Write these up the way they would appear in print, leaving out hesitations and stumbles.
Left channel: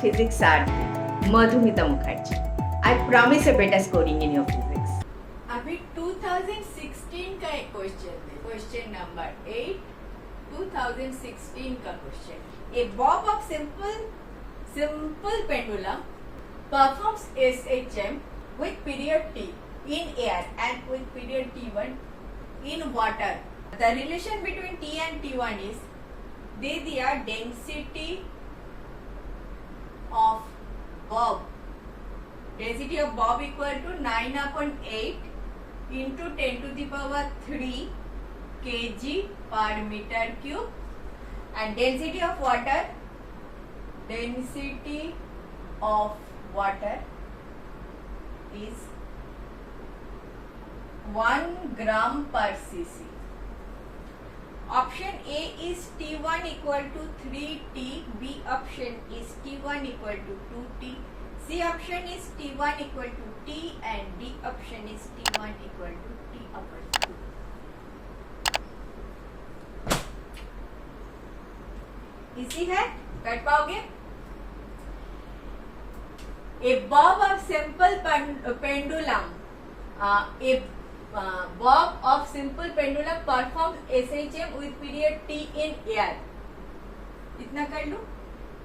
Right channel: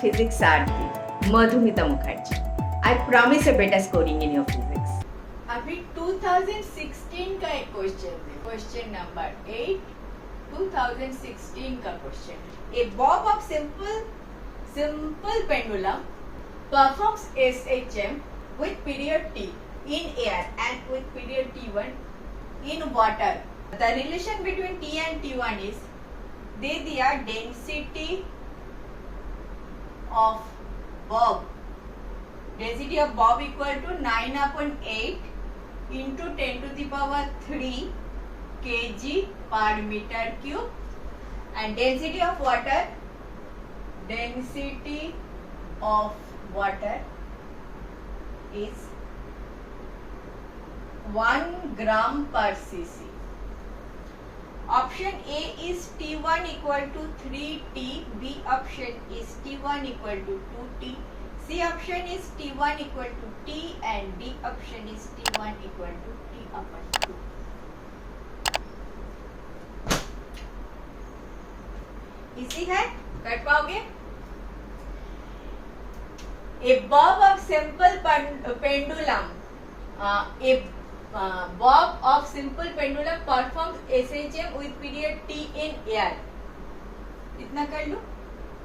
physics Sarthi, Madhumita Mukherjee. I promise a better scoring in your physics. अभी 2016 का एक question है, question number 8, 2016 का question. A bob of simple pendulum performs SHM with period T in air and with period T1 in water. The relation between T and T1 is, दे दिया density of bob. Density of bob equal to 9/8 into 10⁻³ kg पर metre cube. And density of water is 1 gram per cc. Option A is T1 equal to 3T, B option is T1 equal to 2T, C option is T1 equal to T and D option is T1 equal to T upon 2. इसी है, कर पाओगे? A bob of simple pendulum, bob of simple pendulum performs SHM with period T in air. इतना कर लो.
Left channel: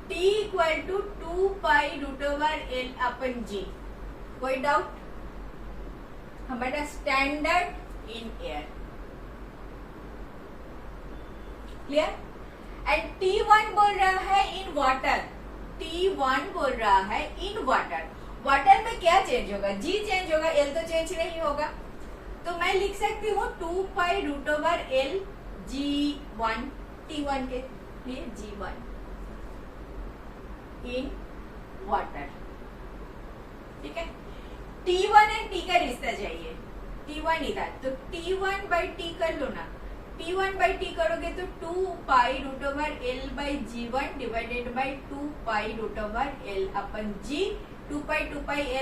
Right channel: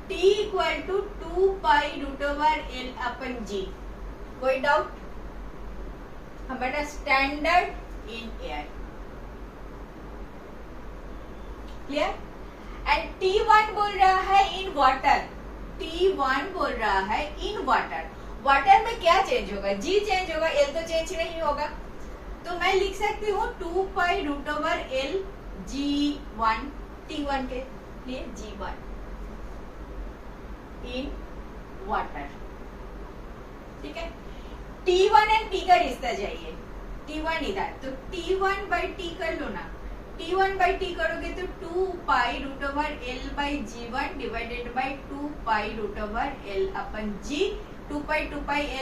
T equal to 2π√L upon G. कोई doubt? हमारा standard in air. Clear? And T1 बोल रहा है इन वाटर. T1 बोल रहा है इन वाटर. वाटर में क्या चेंज होगा? G चेंज होगा, L तो चेंज नहीं होगा. तो मैं लिख सकती हूँ 2π√L G1, T1 के लिए G1 इन वाटर. ठीक है. T1 एंड T का रिश्ता चाहिए. T1 इधर, तो T1/T कर लो ना. T1/T करोगे तो 2π√L G1 divided by 2π√L upon G. 2π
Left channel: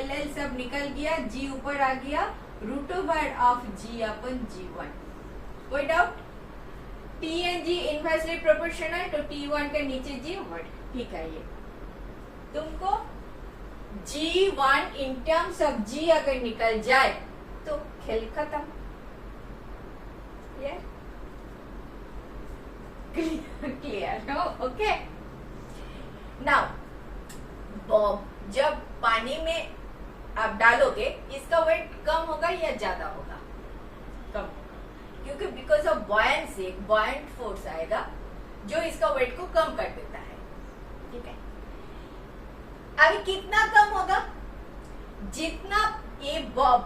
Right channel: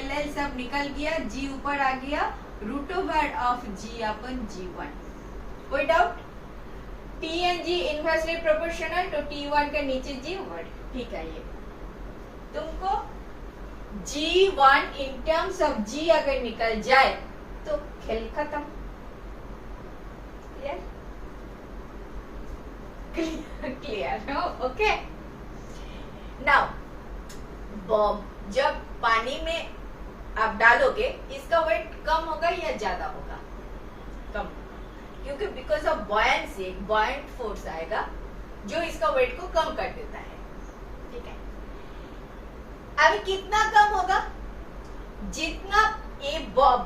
LL सब निकल गया, G ऊपर आ गया, √ ऑफ G अपन G1. कोई doubt? T and G inversely proportional, तो T1 के नीचे G ऊपर. ठीक है. ये तुमको G1 in terms of G अगर निकल जाए तो खेल खत्म. क्लियर हो? ओके. नाउ बॉब जब पानी में आप डालोगे, इसका वेट कम होगा या ज्यादा होगा? कम, क्योंकि because of buoyancy, buoyant force आएगा जो इसका वेट को कम कर देता है. ठीक है. अभी कितना कम होगा? जितना ये बॉब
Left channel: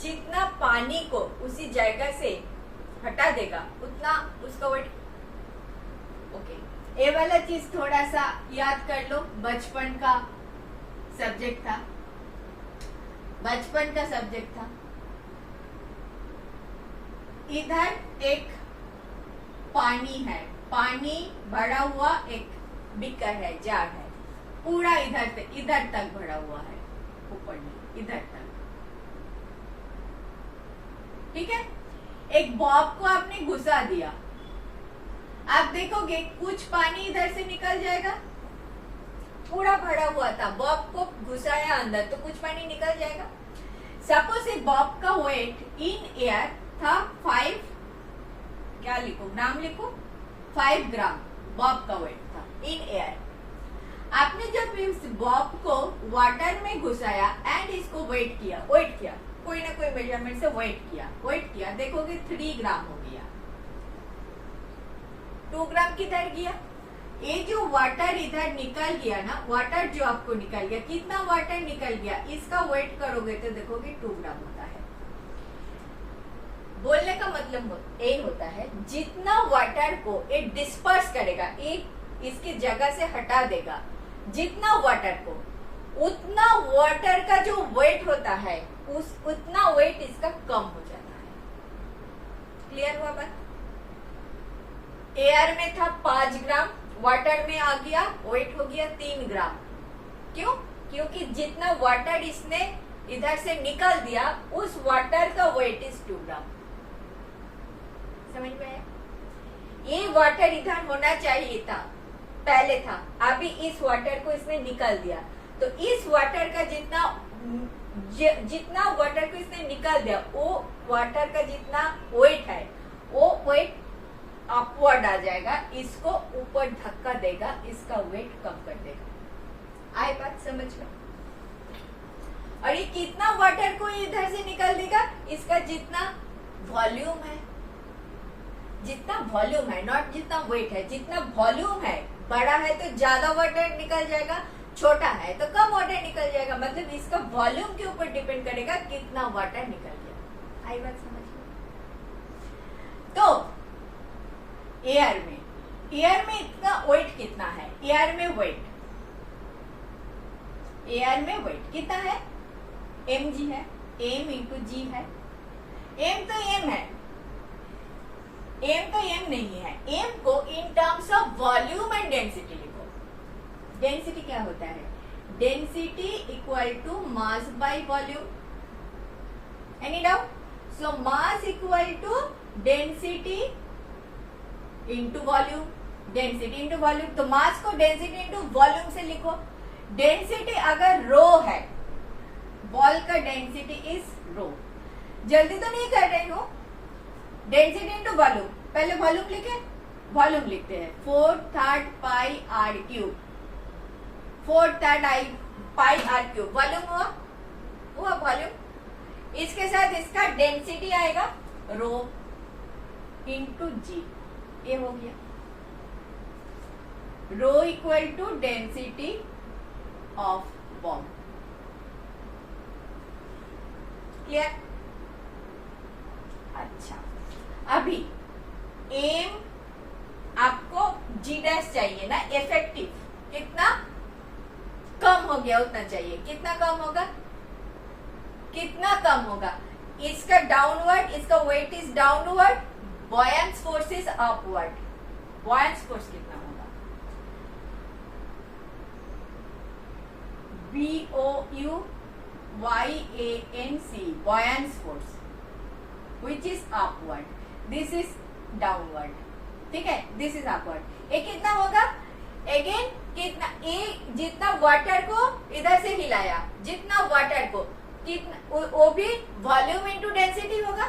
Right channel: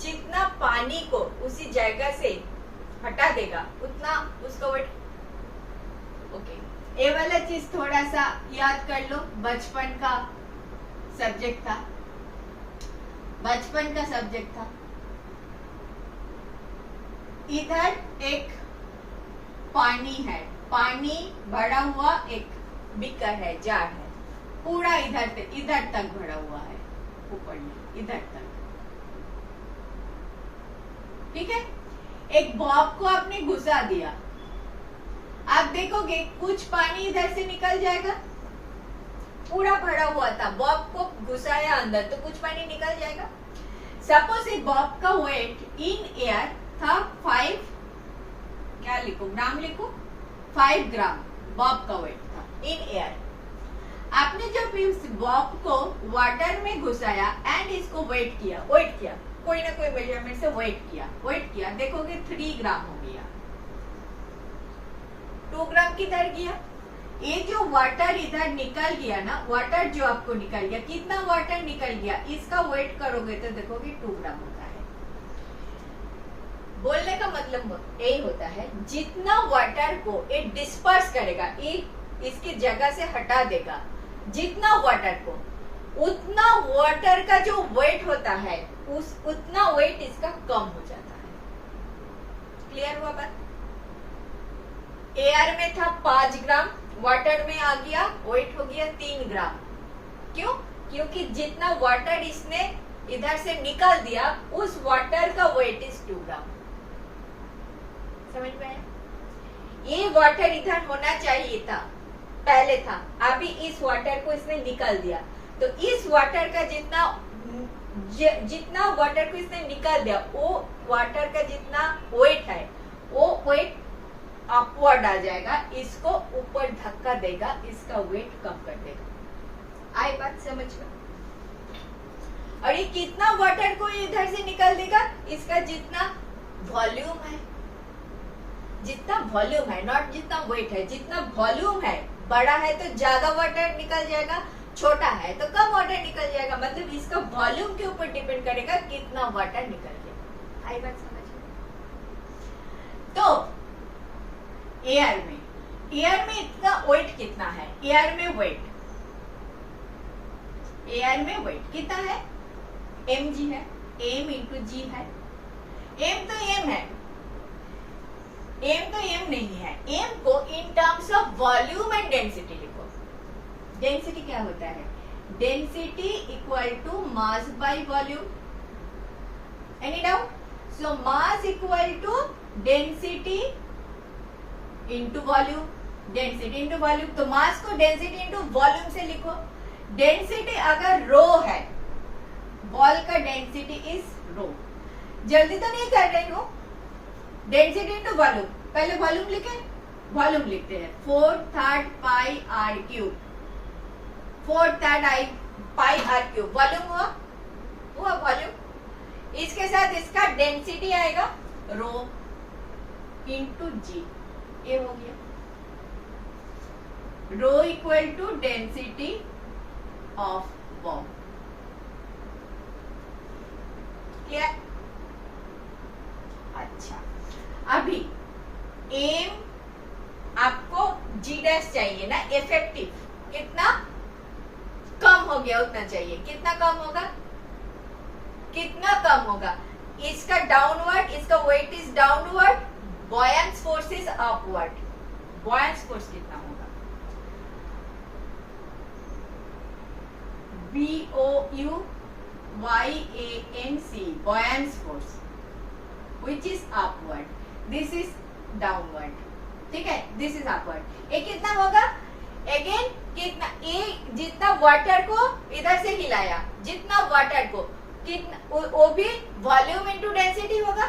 जितना पानी को उसी जगह से हटा देगा उतना उसका वेट. ओके. ये वाला चीज थोड़ा सा याद कर लो. बचपन का सब्जेक्ट था. इधर एक पानी है, पानी भरा हुआ एक बीकर है, जार है, पूरा इधर तक भरा हुआ है, ऊपर नहीं, इधर तक. ठीक है. एक बॉब को आपने घुसा दिया. आप देखोगे कुछ पानी इधर से निकल जाएगा. पूरा भरा हुआ था, बॉब को घुसाया अंदर तो कुछ पानी निकल जाएगा. सपोज एक बॉब का वेट इन एयर था 5, क्या लिखूं, नाम लिखूं, 5 ग्राम बॉब का वेट था इन एयर. आपने जब इस बॉब को वाटर में घुसाया एंड इसको वेट किया, कोई ना कोई मेजरमेंट से वेट किया, देखोगे 3 ग्राम हो गया. 2 ग्राम किधर गया? ये जो वाटर इधर निकल गया ना, वाटर जो आपको निकल गया, कितना वाटर निकल गया, इसका वेट करोगे तो देखोगे 2 ग्राम होता है. बोलने का मतलब ये होता है जितना वाटर को ये डिस्पर्स करेगा, ये इसकी जगह से हटा देगा, जितना वाटर को, उतना वाटर का जो वेट होता है उतना वेट इसका कम हो जाता है. क्लियर हुआ बात? एयर में था 5 ग्राम, वाटर में आ गया, वेट हो गया 3 ग्राम. क्यों? क्योंकि जितना वाटर इसने इधर से निकल दिया उस वाटर का वेट इज 2 ग्राम. समझ में आया? ये वाटर इधर होना चाहिए था, पहले था, अभी इस वाटर को इसने निकाल दिया, तो इस वाटर का जितना वाटर को इसने निकाल दिया, वो वाटर का जितना वेट है, वो वेट अपवर्ड आ जाएगा, इसको ऊपर धक्का देगा, इसका वेट कम कर देगा। आई बात समझ में? और ये कितना वाटर को इधर से निकाल देगा, इसका जितना वॉल्यूम है, जितना वॉल्यूम है, नॉट जितना वेट है, जितना वॉल्यूम है, बड़ा है तो ज्यादा वाटर निकल जाएगा, छोटा है तो कम वाटर निकल जाएगा, मतलब इसका वॉल्यूम के ऊपर डिपेंड करेगा कितना वाटर निकल जाएगा। आई बात समझ में? तो एयर में इतना वेट कितना है, एयर में वेट कितना है, mg है, m इंटू जी है, m तो m है, m तो m नहीं है, m को in terms of volume and density लिखो। डेंसिटी क्या होता है, density equal to mass by volume, any doubt? So mass equal to density into volume, density into volume, तो मास को डेंसिटी इंटू वॉल्यूम से लिखो। डेंसिटी अगर रो है, बॉल का डेंसिटी इज रो, जल्दी तो नहीं कर रही हूं, डेंसिटी इंटू वॉल्यूम, पहले वॉल्यूम लिखे, वॉल्यूम लिखते हैं 4/3 pi r cube, 4/3 pi r cube, volume हुआ वॉल्यूम। इसके साथ इसका डेंसिटी आएगा रो इंटू जी, ये हो गया rho equal to density of ball. Clear? अच्छा, अभी एम आपको जी डैश चाहिए ना, इफेक्टिव कितना कम हो गया उतना चाहिए, कितना कम होगा, कितना कम होगा, इसका डाउनवर्ड, इसका weight is downward, buoyancy force is upward, buoyancy force कितना होगा, BOUYANC, buoyant force, which is upward, this is downward, ठीक है, this is upward। ये कितना होगा, अगेन कितना, ये जितना वाटर को इधर से हिलाया, जितना वाटर को कितना, वो भी वॉल्यूम इनटू डेंसिटी होगा,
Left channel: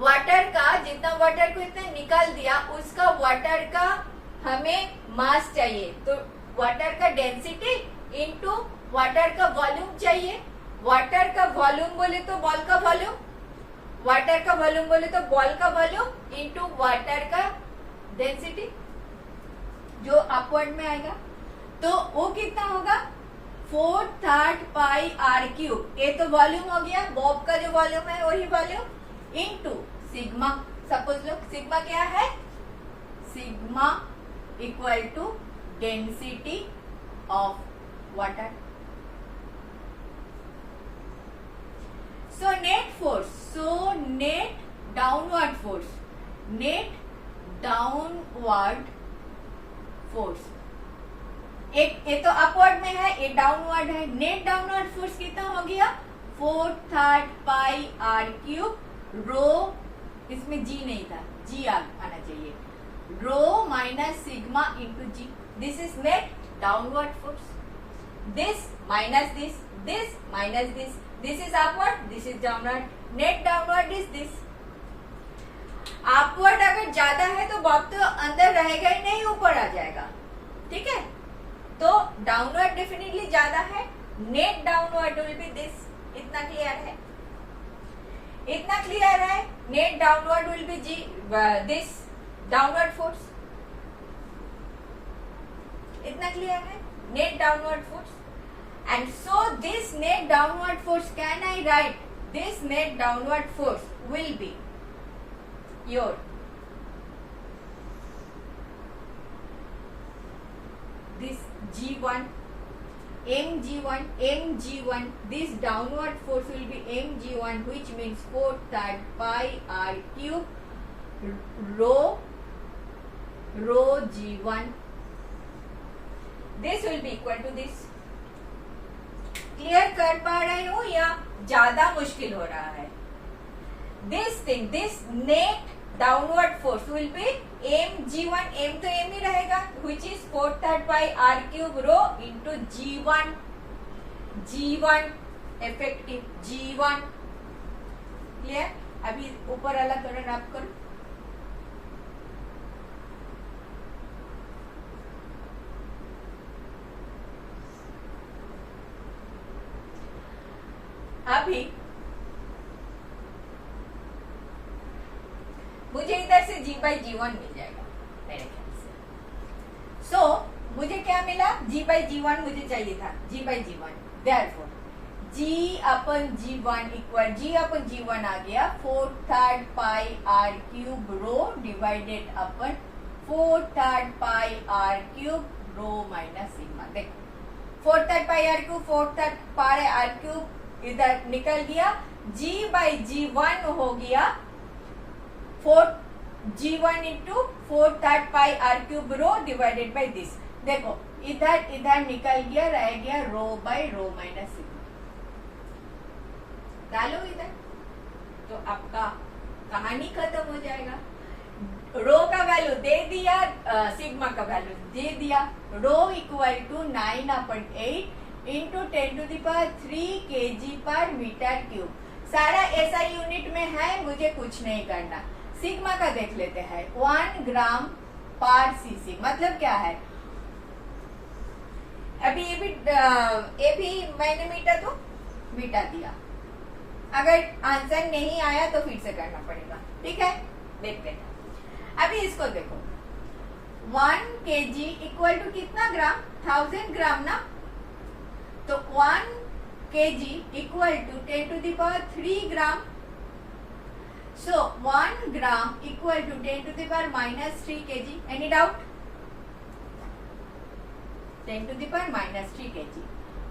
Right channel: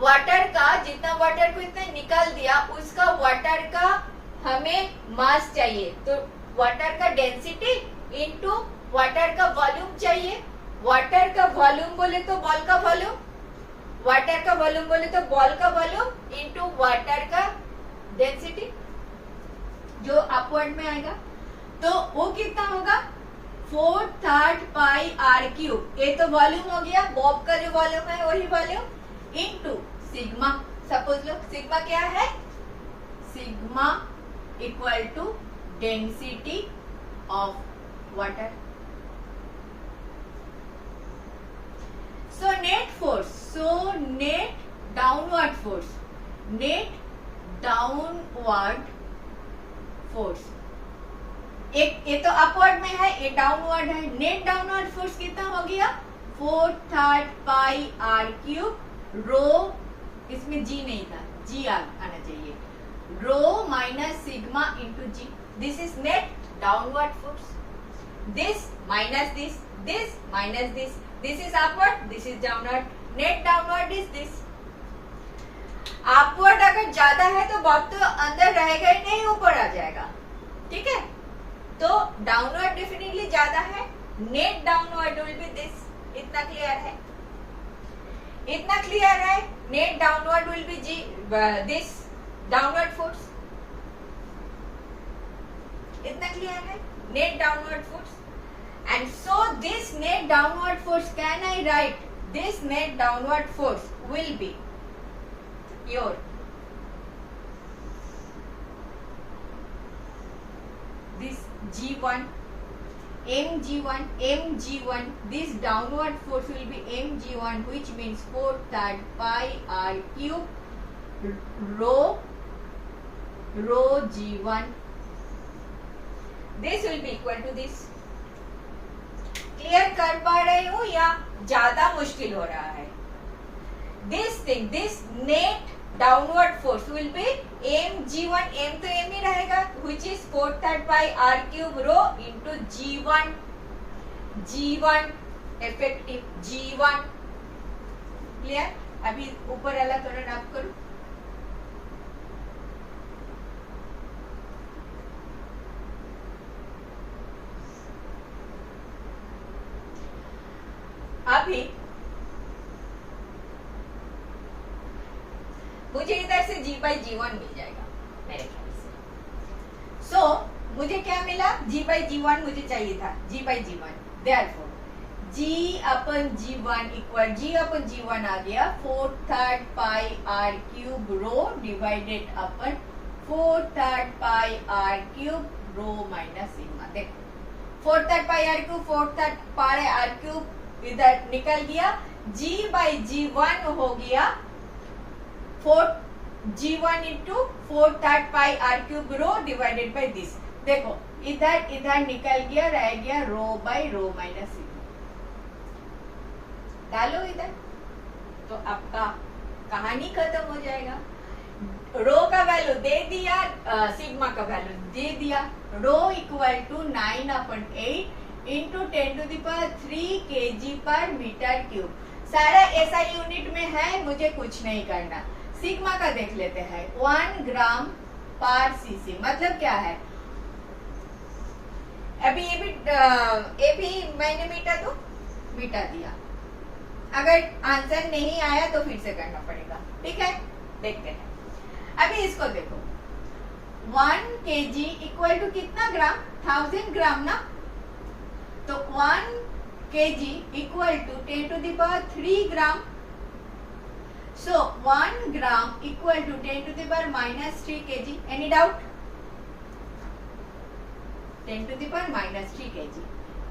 वाटर का जितना वाटर को इतना निकाल दिया, उसका वाटर का हमें मास चाहिए, तो वाटर का डेंसिटी इनटू वाटर का वॉल्यूम चाहिए। वाटर का वॉल्यूम बोले तो बॉल का वॉल्यूम, वाटर का वॉल्यूम बोले तो बॉल का वॉल्यूम इनटू वाटर का डेंसिटी जो अपवर्ड में आएगा, तो वो कितना होगा 4/3 पाई आर क्यूब, ये तो वॉल्यूम हो गया, बॉब का जो वॉल्यूम है वही वॉल्यूम इनटू सिग्मा। सपोज लो सिग्मा क्या है, sigma equal to density of water. So net force, so net downward force, net downward force, एक ये तो अपवर्ड में है, ये डाउनवर्ड है, नेट डाउनवर्ड फोर्स कितना हो गया 4/3 पाई आर क्यूब, रो, इसमें जी नहीं था, जी आना चाहिए, rho minus sigma into g, this is net downward force, this minus this minus this is upward, this is downward, net downward is this। upward अगर ज्यादा है तो बॉब तो अंदर रहेगा ही नहीं, ऊपर आ जाएगा, ठीक है, तो डाउनवर्ड डेफिनेटली ज्यादा है, net downward will be this. इतना क्लियर है, इतना क्लियर है, net downward will be g this downward force, इतना क्लियर है, net downward force, and so this net downward force, can I write this net downward force will be your this G1 mg1, this downward force will be mg1, which means 4/3 pi r cube rho g1, this will be equal to this। Clear कर पा रहे हो या ज्यादा मुश्किल हो रहा है? This thing, this net downward force will be m g1, m तो m ही रहेगा, which is 4/3 pi r cube rho into g1 effective g1। Clear? अभी ऊपर वाला थोड़ा रब करो। अभी मुझे इधर से g/g1 मिल जाएगा मेरे ख्याल से। सो मुझे क्या मिला? g/g1 मुझे चाहिए था, g/g1। Therefore g/g1 equal g/g1 आ गया 4/3 pi r cube rho divided अपन 4/3 pi r cube rho minus sigma. देखो 4/3 pi r cube 4/3 pi r cube इधर निकल गया, g/g1 हो गया 4g1 into 4/3 pi r cube rho divided by this. देखो इधर निकल गया, रह गया रो बाय रो माइनस सिग्मा। डालो इधर तो आपका कहानी खत्म हो जाएगा। रो का वैल्यू दे दिया, सिग्मा का वैल्यू दे दिया। रो इक्वल टू 9/8 इंटू 10⁻³ kg पर मीटर क्यूब। सारा SI यूनिट में है, मुझे कुछ नहीं करना। सिग्मा का देख लेते हैं, 1 ग्राम पर cc मतलब क्या है? अभी ये भी मैंने मिटा दिया। अगर आंसर नहीं आया तो फिर से करना पड़ेगा, ठीक है? देखते हैं। अभी इसको देखो, 1 kg इक्वल टू कितना ग्राम? 1000 ग्राम ना। तो 1 kg equal to 10⁻³ gram. So 1 gram equal to 10⁻³ kg. Any doubt? 10⁻³ kg.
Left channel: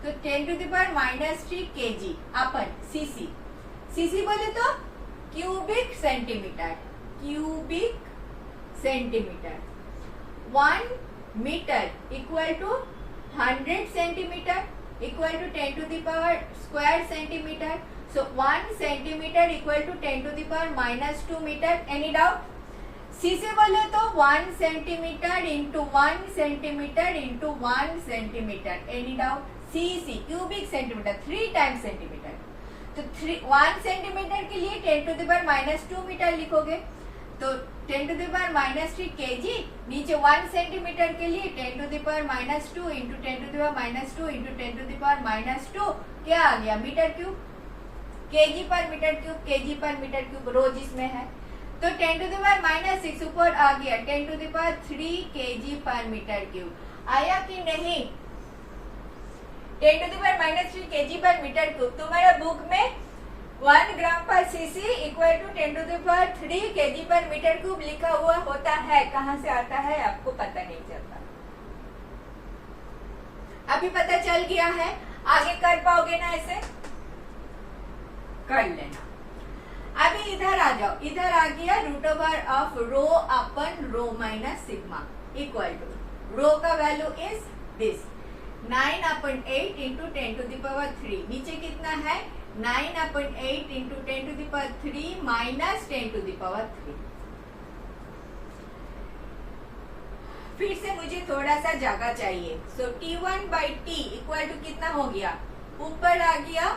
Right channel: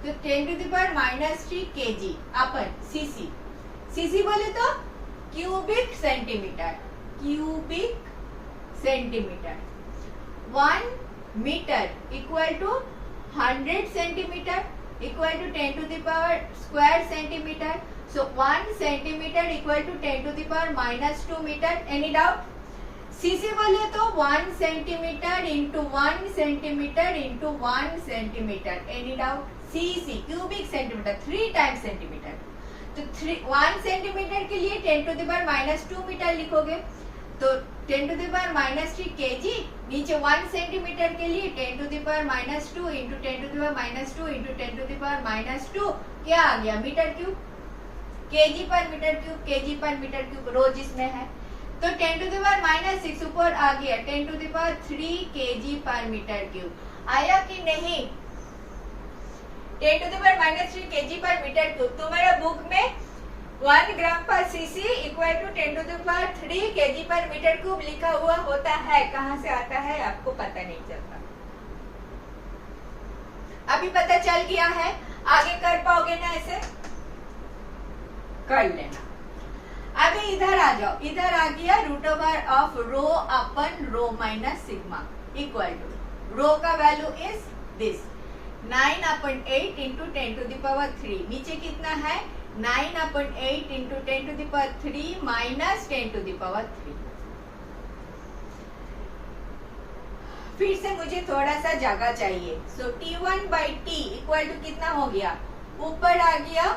तो 10⁻³ kg अपन cc बोले तो cubic centimetre. 1 metre equal to 100 centimetre equal to 10⁻² centimetre. So 1 centimeter equal to 10⁻² meter. Any doubt? cc बोले तो 1 centimeter into 1 centimeter into 1 centimeter. Any doubt? cc cubic centimeter 3 times centimeter. तो 1 centimeter के लिए 10⁻² metre लिखोगे, तो 10⁻³ kg, नीचे 1 centimetre के लिए 10⁻² इंटू 10⁻² इंटू 10⁻² क्या आ गया? Metre cube. kg पर मीटर क्यूब रो जिसमें है, तो 10⁻6 ऊपर आ गया 10⁻³ kg पर मीटर क्यूब। आया कि नहीं? 10⁻³ kg पर मीटर क्यूब। तुम्हारे बुक में 1 gram per cc equal to 10⁻³ kg पर मीटर क्यूब लिखा हुआ होता है। कहाँ से आता है आपको पता नहीं चलता। अभी पता चल गया है, आगे कर पाओगे ना? ऐसे कर लेना। अभी इधर आ जाओ, इधर आ गया √of रो अपन rho minus sigma equal to rho का वैल्यू इज दिस 9/8 इंटू 10⁻³ नीचे कितना है? 9/8 इंटू 10⁻³ माइनस 10⁻³। फिर से मुझे थोड़ा सा जगह चाहिए। सो T1/T इक्वल टू कितना हो गया? ऊपर आ गया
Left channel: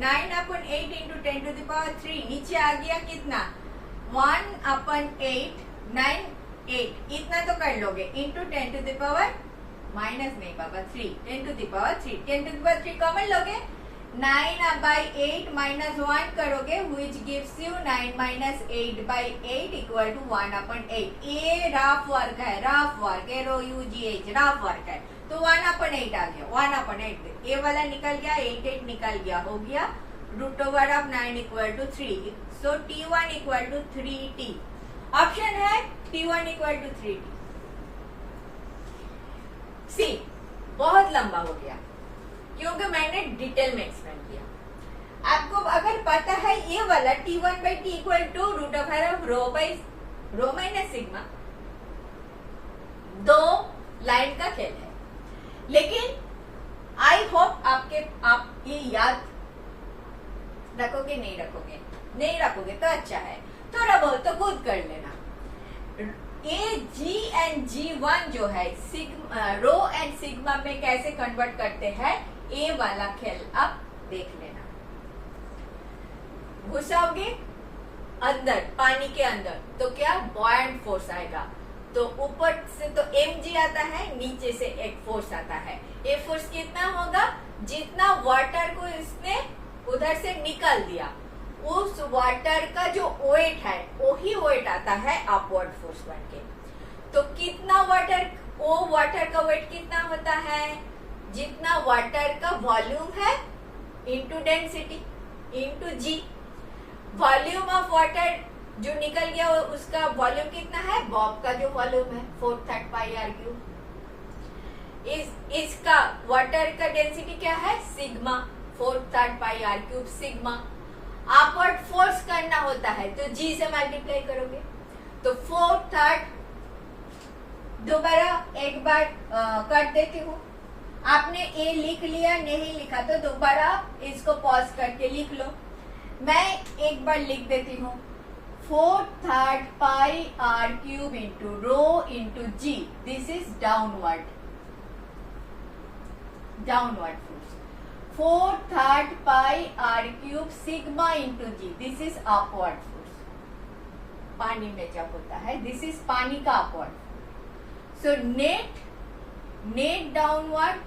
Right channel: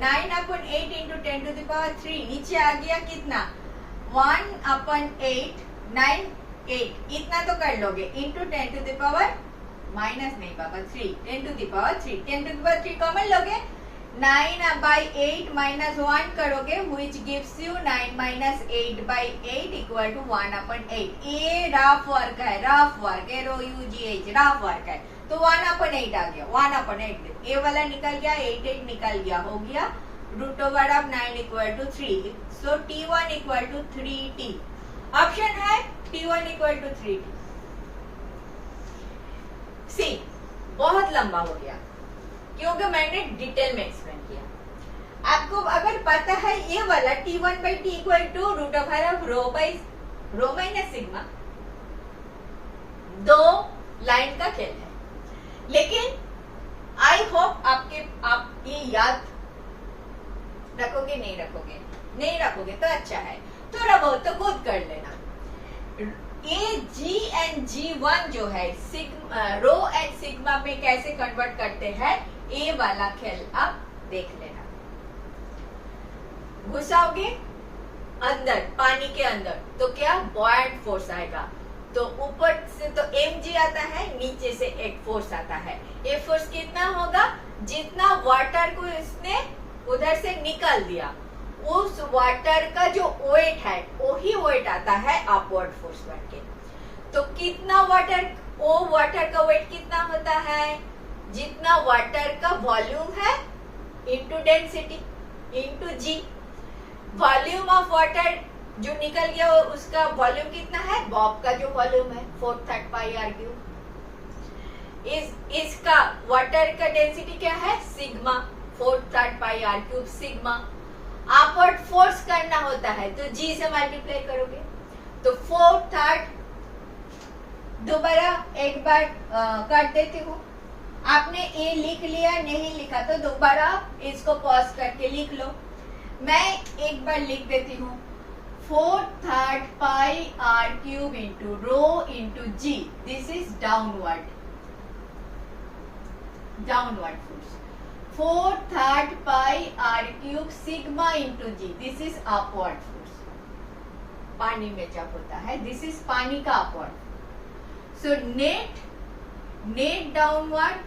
9/8 इंटू 10⁻³ नीचे आ गया कितना? 1/8 9 8 इतना तो कर लोगे इंटू 10⁻³ माइनस नहीं पापा 3 10⁻³ कॉमन लोगे, 9/8 माइनस 1 करोगे which gives you 9 minus 8/8 equal to 1/8। ये रफ वर्क है, RUGH रफ वर्क है, तो 1/8 आ गया। 1/8 ये वाला निकल गया, 8 निकल गया, हो गया √9 equal to 3। So T1 equal to 3T। Option है T1 इक्वल टू 3T। सी बहुत लंबा हो गया क्योंकि मैंने डिटेल में एक्सप्लेन किया। आपको अगर पता है ये वाला T1/T equal to √of rho minus sigma, दो लाइन का खेल है, लेकिन आई होप आप ये याद रखोगे। नहीं रखोगे तो अच्छा है। थोड़ा बहुत तो खुद कर लेना। ए जी एंड G1 जो है रो एंड सिग्मा में कैसे कन्वर्ट करते हैं, ए वाला खेल आप देख लेना। घुसाओगे अंदर, पानी के अंदर, तो क्या बॉयंट फोर्स आएगा। तो ऊपर से तो mg आता है, नीचे से एक फोर्स आता है। ये फोर्स कितना होगा, जितना वाटर को इसने उधर से निकाल दिया, उस वाटर का जो वेट है वही वेट आता है अपवर्ड फोर्स बन के। तो कितना वाटर, वो वाटर का वेट कितना होता है, जितना वाटर का वॉल्यूम है into density into g. Volume of water जो निकल गया उसका वॉल्यूम कितना है, बॉब का जो वॉल्यूम है 4/3 पाई आर क्यूब। इसका वाटर का डेंसिटी क्या है, sigma 4/3 pi r cube sigma. Upward force करना होता है तो जी से मल्टीप्लाई करोगे, तो 4/3 दोबारा एक बार कर देती हूँ। आपने ए लिख लिया, नहीं लिखा तो दोबारा इसको पॉज करके लिख लो। मैं एक बार लिख देती हूँ, 4/3 pi r cube into rho into g, this is downward force. 4/3 pi r cube sigma into g, this is upward force. पानी में जब होता है, दिस इज पानी का upward. So net downward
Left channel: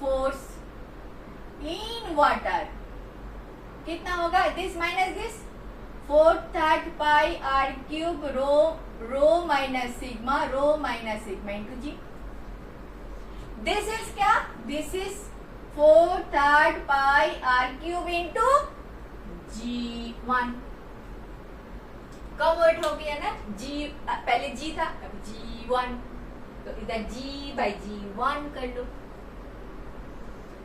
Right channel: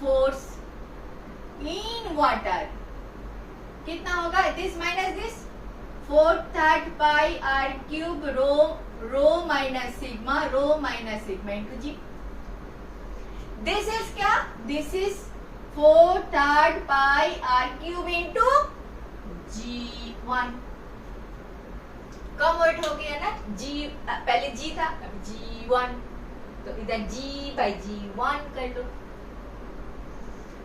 force in water कितना होगा, this minus this 4/3 pi r cube rho minus sigma into g. This is क्या, this is 4/3 pi r cube into G1। कम वेट हो गया ना, जी पहले जी था, अभी G1, तो इधर G/G1 कर लो।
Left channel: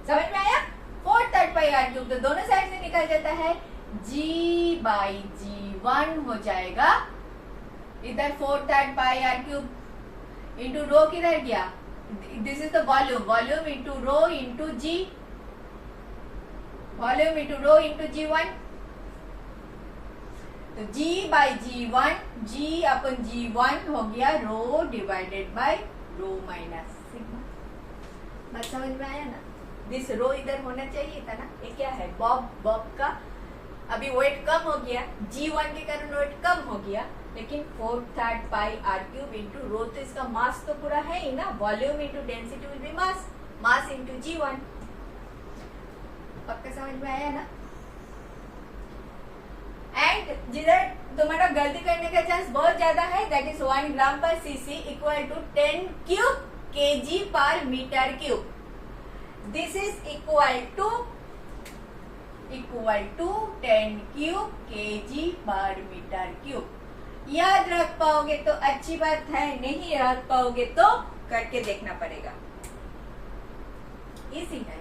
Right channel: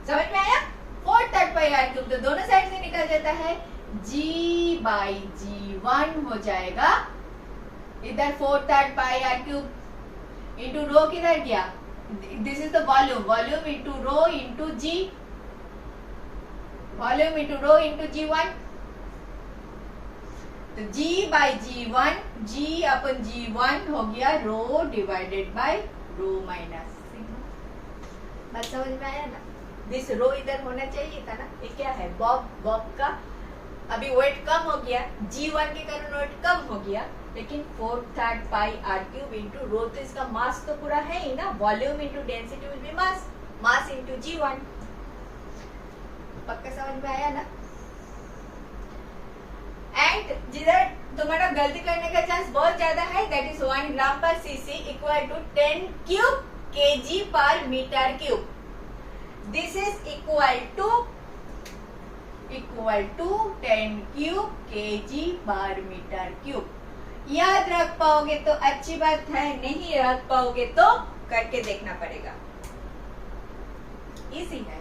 समझ में आया, 4/3 पाई आर क्यूब तो दोनों साइड से निकल जाता है, G/G1 हो जाएगा। इधर 4/3 pi r cube into rho किधर गया, this is the volume into rho into g, volume into rho into G1। तो G/G1, G/G1 हो गया rho divided by rho minus sigma. बात समझ में आया ना, दिस रो इधर होना चाहिए था ना, ये क्या है, बॉब का अभी वेट कम हो गया, G1 के कारण वेट कम हो गया, लेकिन 4/3 पाई आर क्यूब इंटू रो, तो इसका मास तो पूरा है ही ना, volume into density will be mass into G1। पक्का समझ में आया ना। एंड जिधर तुम्हारा गलती करने का चांस बहुत ज्यादा है, that is 1 gram per cc equal to 10 cube kg पर metre cube. This is equal to 10 cube kg पर मीटर क्यूब। याद रख पाओगे तो अच्छी बात है, नहीं रख पाओगे तो करके देखना पड़ेगा। इजी है।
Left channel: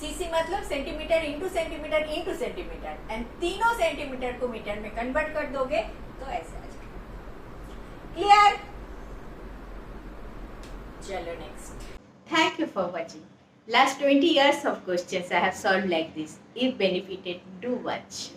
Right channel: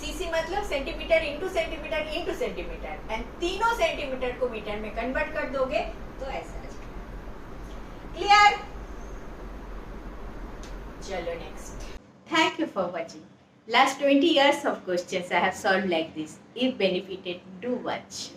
सीसी मतलब centimetre into centimetre into centimetre, and तीनों सेंटीमीटर को मीटर में कन्वर्ट कर दोगे तो ऐसा आ जाएगा। क्लियर? चलो next. Thank you for watching. Last 20 years of questions I have solved like this. If benefited, do watch.